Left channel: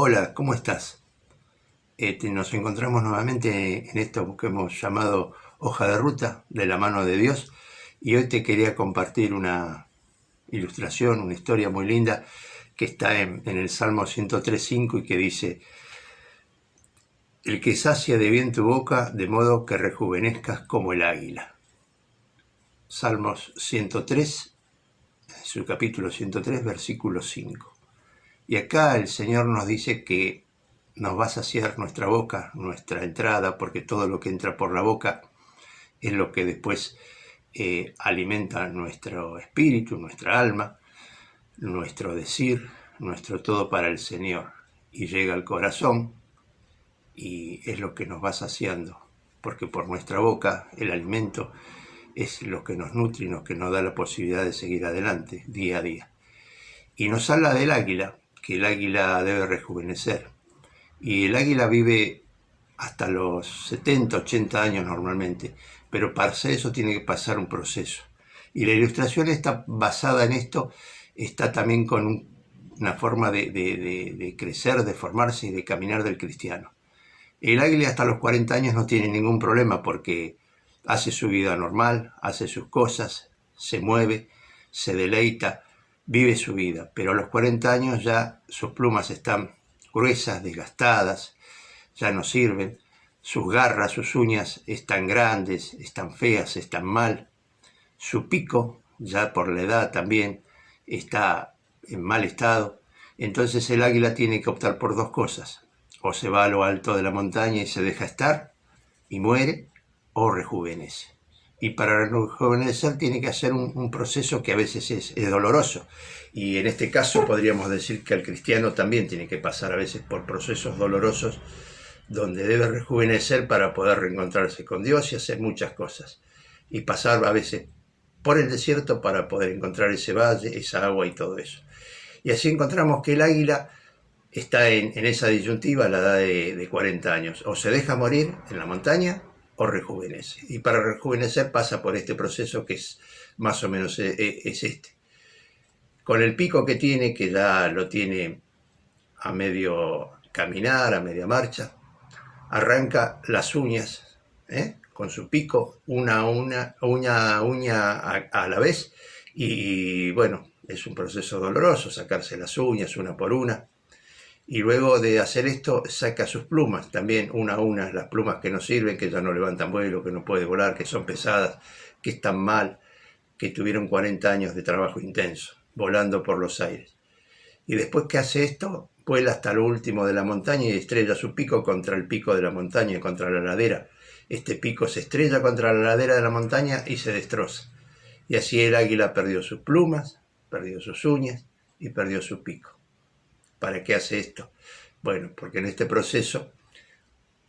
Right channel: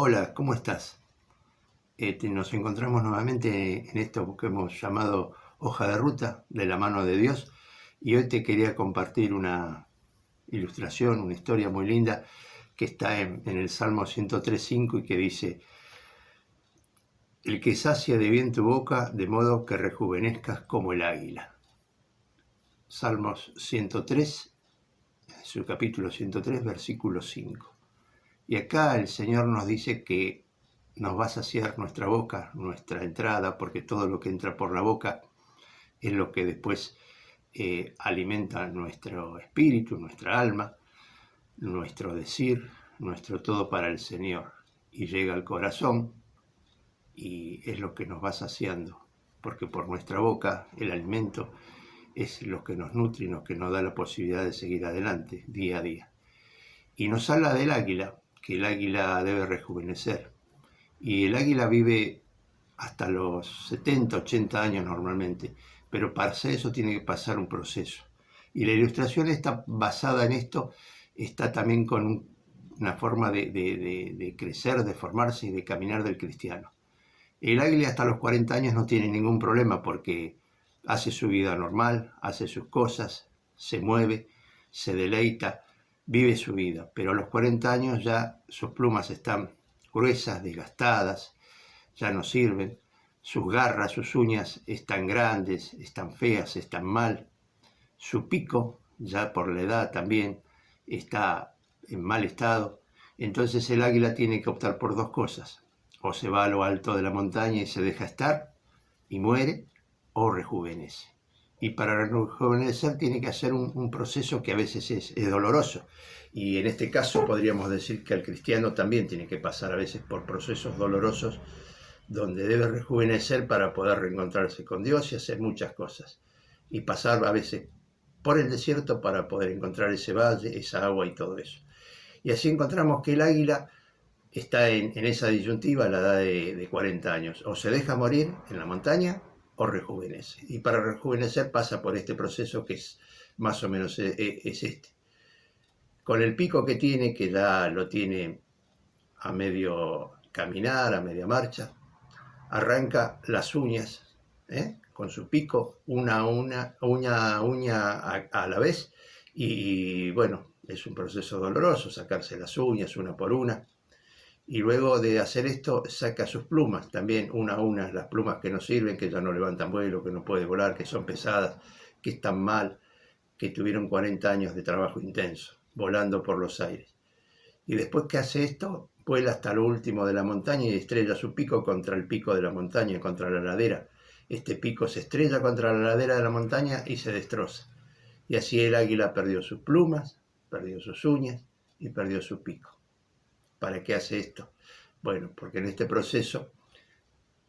Hola, ¿cómo estás? Nos encontramos nuevamente en esto que hemos llamado hoja de ruta de la mano de Dios y hoy te quería compartir una ilustración, una historia muy linda que está en el Salmo 103.5 y que dice: el que sacia de bien tu boca de modo que rejuvenezcas como el águila. Salmos 103, su capítulo 103, versículo 5. Y acá el Señor nos dice que nos va a saciar nuestra boca, nuestra entrada, porque todo lo que entra por la boca es lo que después alimenta nuestro espíritu, nuestra alma, nuestro decir, nuestro todo para el Señor. Y llega al corazón y es lo que nos va saciando, porque por nuestra boca el alimento es lo que nos nutre y lo que nos da la posibilidad de seguir adelante día a día. Y nos habla del águila, que el águila debe rejuvenecer. Y el águila vive hasta los 70, 80 años normalmente, pero para hacer eso tiene que pasar un proceso. Y la ilustración está basada en esto, está también con una forma de crecer, de formarse y de caminar del cristiano. El águila hasta los 40 años no tiene ningún problema porque hace su vida normal, hace sus cosas, se mueve, se deleita, vive su vida, pero a los 40 años ya sus plumas están gruesas, desgastadas, ya no sirven, sus garras, sus uñas están grandes, están feas, están mal, su pico, ya por la edad también, está en mal estado. Entonces el águila tiene que optar por dos cosas: o se va a lo alto de la montaña y se deja estar y muere, o rejuvenece. Y para rejuvenecer tiene que hacer un proceso que a veces es doloroso. Y en este caso podríamos decir que el cristiano también tiene que pasar a veces por procesos dolorosos donde debe rejuvenecer para poder reencontrarse con Dios y hacer muchas cosas. Y pasar a veces por el desierto para poder encontrar ese valle, esa agua y todo eso. Y así encontramos que el águila está en esa disyuntiva a la edad de 40 años. O se deja morir en la montaña o rejuvenece. Y para rejuvenecer pasa por este proceso que es más o menos es este. Con el pico que tiene, que ya lo tiene a medio caminar, a media marcha, arranca las uñas, con su pico, uña a la vez, y bueno, es un proceso doloroso sacarse las uñas una por una, y luego de hacer esto saca sus plumas, también una a una, las plumas que no sirven, que ya no levantan vuelo, que no puede volar, que son pesadas, que están mal, que tuvieron 40 años de trabajo intenso, volando por los aires. Y después que hace esto, vuela hasta lo último de la montaña y estrella su pico contra el pico de la montaña, contra la ladera. Este pico se estrella contra la ladera de la montaña y se destroza. Y así el águila perdió sus plumas, perdió sus uñas y perdió su pico. ¿Para qué hace esto? Bueno, porque en este proceso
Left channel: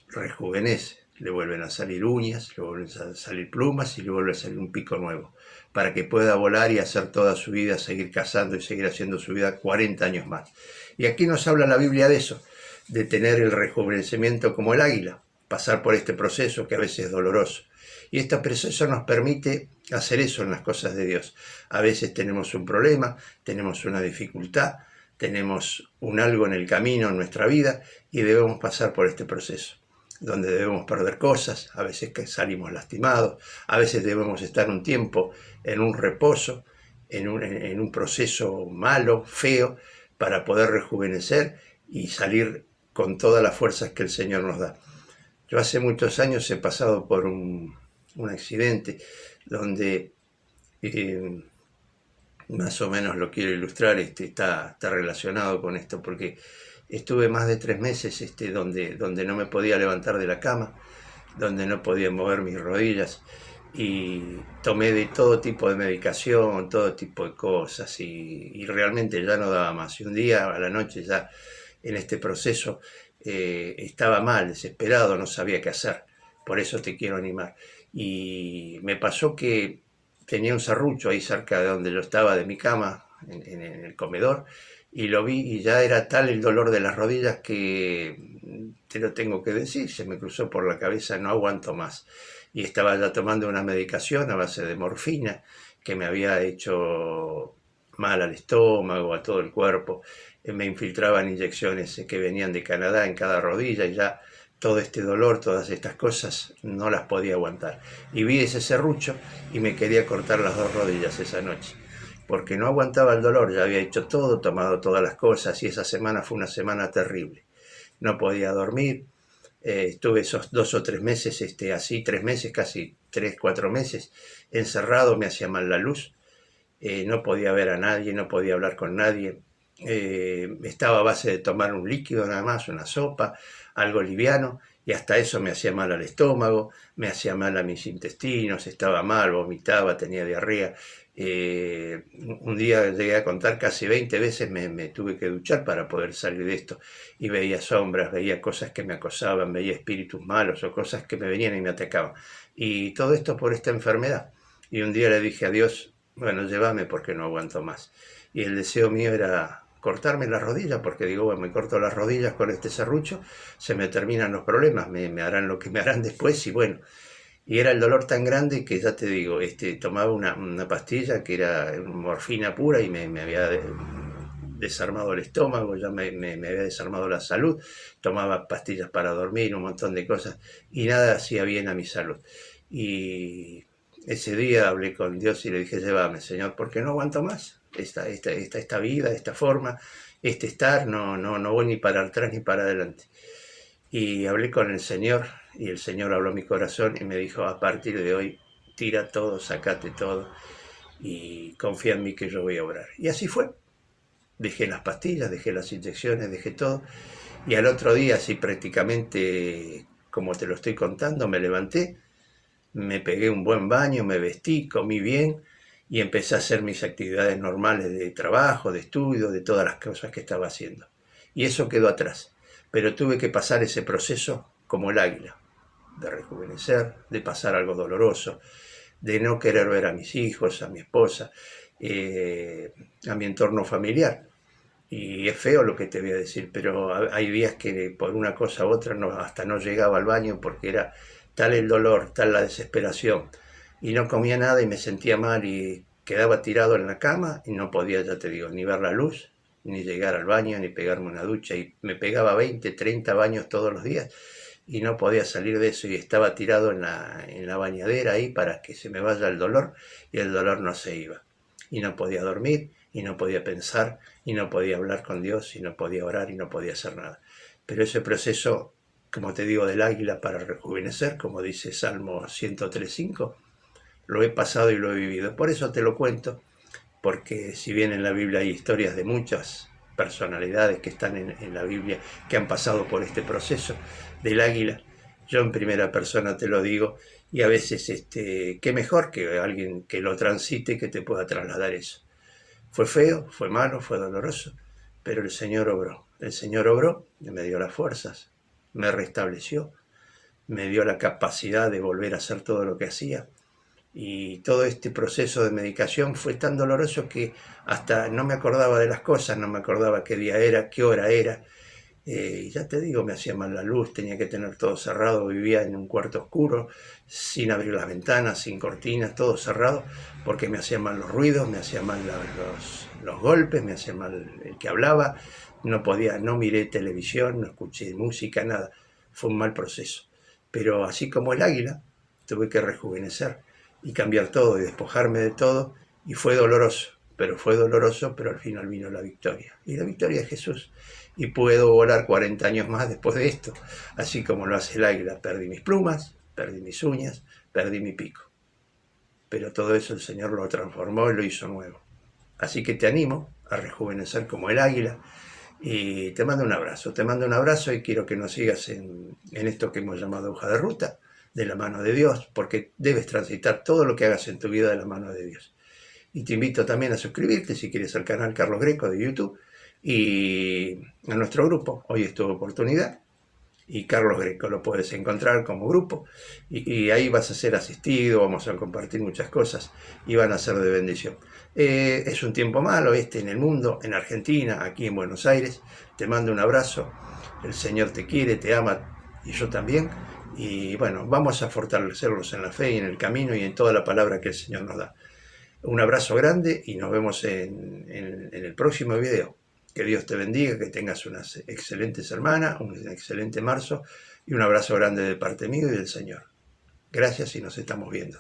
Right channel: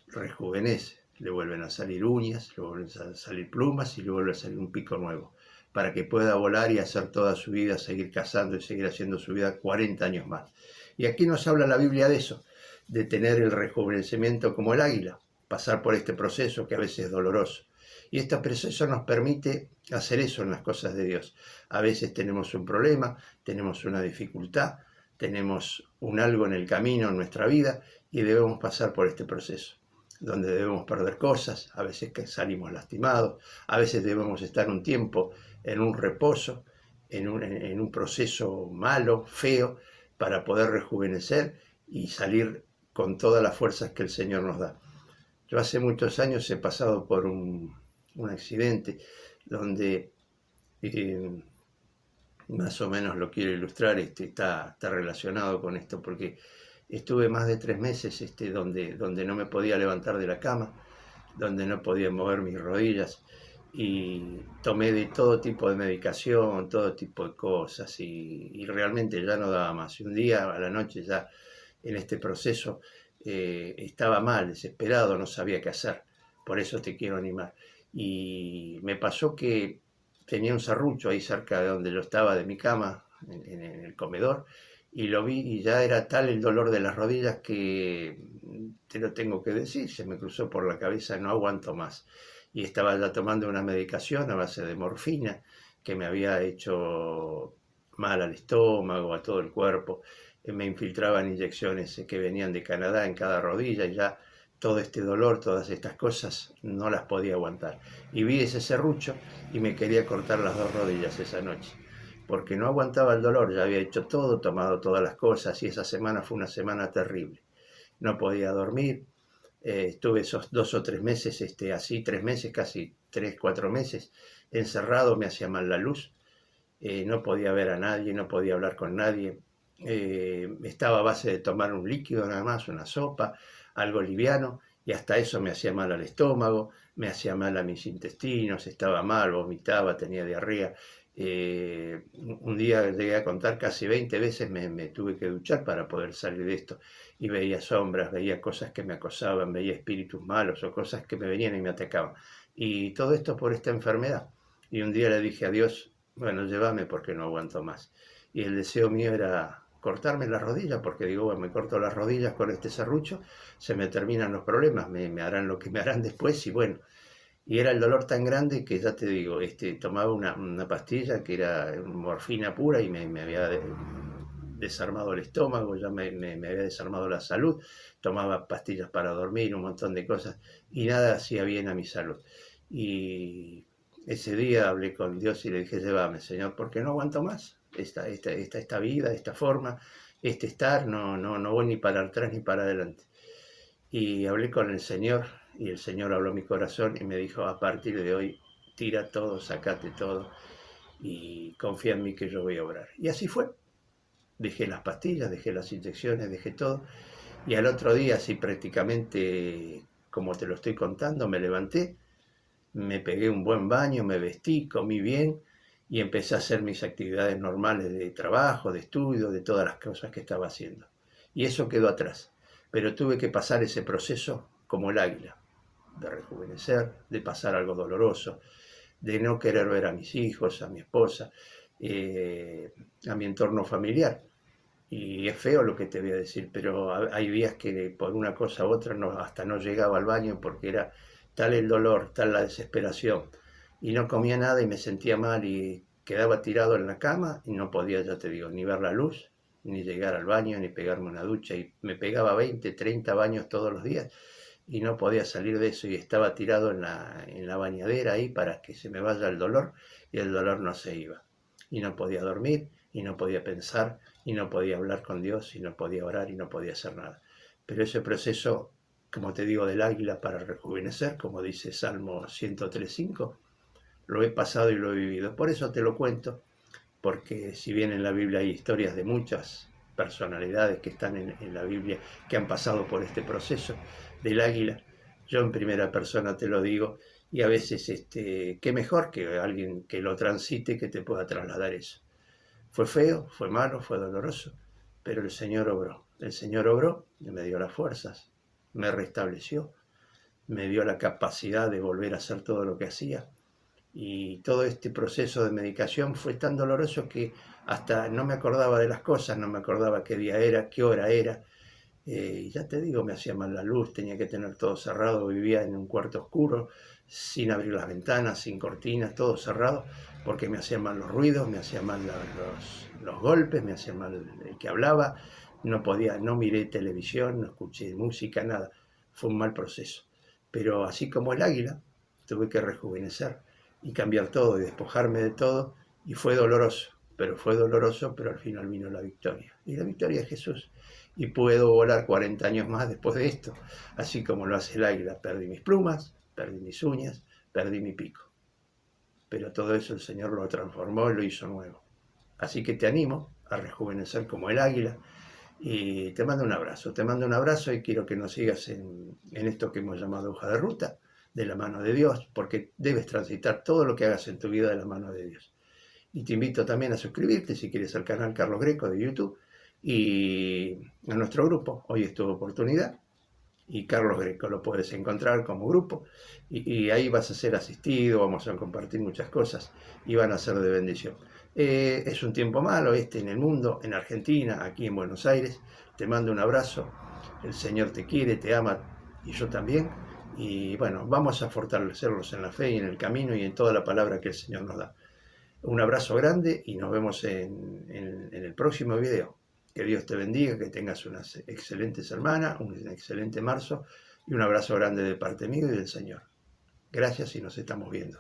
rejuvenece, le vuelven a salir uñas, le vuelven a salir plumas y le vuelve a salir un pico nuevo, para que pueda volar y hacer toda su vida, seguir cazando y seguir haciendo su vida 40 años más. Y aquí nos habla la Biblia de eso, de tener el rejuvenecimiento como el águila, pasar por este proceso que a veces es doloroso. Y este proceso nos permite hacer eso en las cosas de Dios. A veces tenemos un problema, tenemos una dificultad, tenemos un algo en el camino en nuestra vida y debemos pasar por este proceso, donde debemos perder cosas, a veces que salimos lastimados, a veces debemos estar un tiempo en un reposo, en un proceso malo, feo, para poder rejuvenecer y salir con todas las fuerzas que el Señor nos da. Yo hace muchos años he pasado por un accidente donde más o menos lo quiero ilustrar, está relacionado con esto, porque estuve más de 3 meses donde no me podía levantar de la cama, donde no podía mover mis rodillas, y tomé de todo tipo de medicación, todo tipo de cosas, y realmente ya no daba más. Y un día a la noche ya en este proceso estaba mal, desesperado, no sabía qué hacer. Por eso te quiero animar. Y me pasó que tenía un serrucho ahí cerca de donde yo estaba, de mi cama, en el comedor, y lo vi y ya era tal el dolor de las rodillas que, te lo tengo que decir, se me cruzó por la cabeza: no aguanto más. Y estaba ya tomando una medicación a base de morfina que me había hecho mal al estómago, a todo el cuerpo. me infiltraban inyecciones que venían de Canadá en cada rodilla y ya todo este dolor, todas estas cosas, no las podía aguantar. Y vi ese serrucho y me quería cortar las dos rodillas esa noche, porque no aguantaba el dolor, ya había hecho todo, tomado todas las cosas y esa semana fue una semana terrible. No podía dormir, estuve esos 2 o 3 meses, así, 3 meses, casi 3, 4 meses, encerrado, me hacía mal la luz, no podía ver a nadie, no podía hablar con nadie, estaba a base de tomar un líquido nada más, una sopa, algo liviano, y hasta eso me hacía mal al estómago, me hacía mal a mis intestinos, estaba mal, vomitaba, tenía diarrea. Un día llegué a contar casi 20 veces me tuve que duchar para poder salir de esto, y veía sombras, veía cosas que me acosaban, veía espíritus malos o cosas que me venían y me atacaban. Y todo esto por esta enfermedad. Y un día le dije a Dios, bueno, llévame porque no aguanto más. Y el deseo mío era cortarme las rodillas, porque digo, bueno, me corto las rodillas con este serrucho, se me terminan los problemas, me harán lo que me harán después y bueno. Y era el dolor tan grande que ya te digo, tomaba una pastilla que era morfina pura y me había desarmado el estómago, ya me había desarmado la salud, tomaba pastillas para dormir, un montón de cosas y nada hacía bien a mi salud. Y ese día hablé con Dios y le dije, llévame, Señor, porque no aguanto más esta vida, esta forma, este estar, no voy ni para atrás ni para adelante. Y hablé con el Señor y el Señor habló a mi corazón y me dijo, a partir de hoy, tira todo, sacate todo y confía en mí que yo voy a orar. Y así fue. Dejé las pastillas, dejé las inyecciones, dejé todo. Y al otro día, así prácticamente como te lo estoy contando, me levanté, me pegué un buen baño, me vestí, comí bien y empecé a hacer mis actividades normales de trabajo, de estudio, de todas las cosas que estaba haciendo. Y eso quedó atrás. Pero tuve que pasar ese proceso como el águila, de rejuvenecer, de pasar algo doloroso, de no querer ver a mis hijos, a mi esposa, a mi entorno familiar. Y es feo lo que te voy a decir, pero hay días que por una cosa u otra hasta no llegaba al baño porque era tal el dolor, tal la desesperación. Y no comía nada y me sentía mal y quedaba tirado en la cama y no podía, ya te digo, ni ver la luz, ni llegar al baño, ni pegarme una ducha. Y me pegaba 20, 30 baños todos los días y no podía salir de eso y estaba tirado en la bañadera ahí para que se me vaya el dolor y el dolor no se iba. Y no podía dormir y no podía pensar y no podía hablar con Dios y no podía orar y no podía hacer nada. Pero ese proceso, como te digo, del águila para rejuvenecer, como dice Salmo 103.5, lo he pasado y lo he vivido. Por eso te lo cuento, porque si bien en la Biblia hay historias de muchas personalidades que están en la Biblia que han pasado por este proceso del águila, yo en primera persona te lo digo, y a veces qué mejor que alguien que lo transite que te pueda trasladar eso. Fue feo, fue malo, fue doloroso, pero el Señor obró. El Señor obró y me dio las fuerzas, me restableció, me dio la capacidad de volver a hacer todo lo que hacía. Y todo este proceso de medicación fue tan doloroso que hasta no me acordaba de las cosas, no me acordaba qué día era, qué hora era. Y ya te digo, me hacía mal la luz, tenía que tener todo cerrado, vivía en un cuarto oscuro, sin abrir las ventanas, sin cortinas, todo cerrado, porque me hacían mal los ruidos, me hacían mal los golpes, me hacía mal el que hablaba, no podía, no miré televisión, no escuché música, nada. Fue un mal proceso. Pero así como el águila, tuve que rejuvenecer y cambiar todo y despojarme de todo, y fue doloroso, pero al final vino la victoria. Y la victoria es Jesús. Y puedo volar 40 años más después de esto, así como lo hace el águila. Perdí mis plumas, perdí mis uñas, perdí mi pico. Pero todo eso el Señor lo transformó y lo hizo nuevo. Así que te animo a rejuvenecer como el águila y te mando un abrazo y quiero que nos sigas en esto que hemos llamado hoja de ruta, de la mano de Dios, porque debes transitar todo lo que hagas en tu vida de la mano de Dios. Y te invito también a suscribirte si quieres al canal Carlos Greco de YouTube y a nuestro grupo. Hoy es tu oportunidad y Carlos Greco lo puedes encontrar como grupo y ahí vas a ser asistido, vamos a compartir muchas cosas y van a ser de bendición. Es un tiempo malo en el mundo, en Argentina, aquí en Buenos Aires. Te mando un abrazo, el Señor te quiere, te ama y yo también. Y bueno, vamos a fortalecerlos en la fe y en el camino y en toda la palabra que el Señor nos da. Un abrazo grande y nos vemos en el próximo video. Que Dios te bendiga, que tengas unas excelentes semanas, un excelente marzo y un abrazo grande de parte mío y del Señor. Gracias y nos estamos viendo.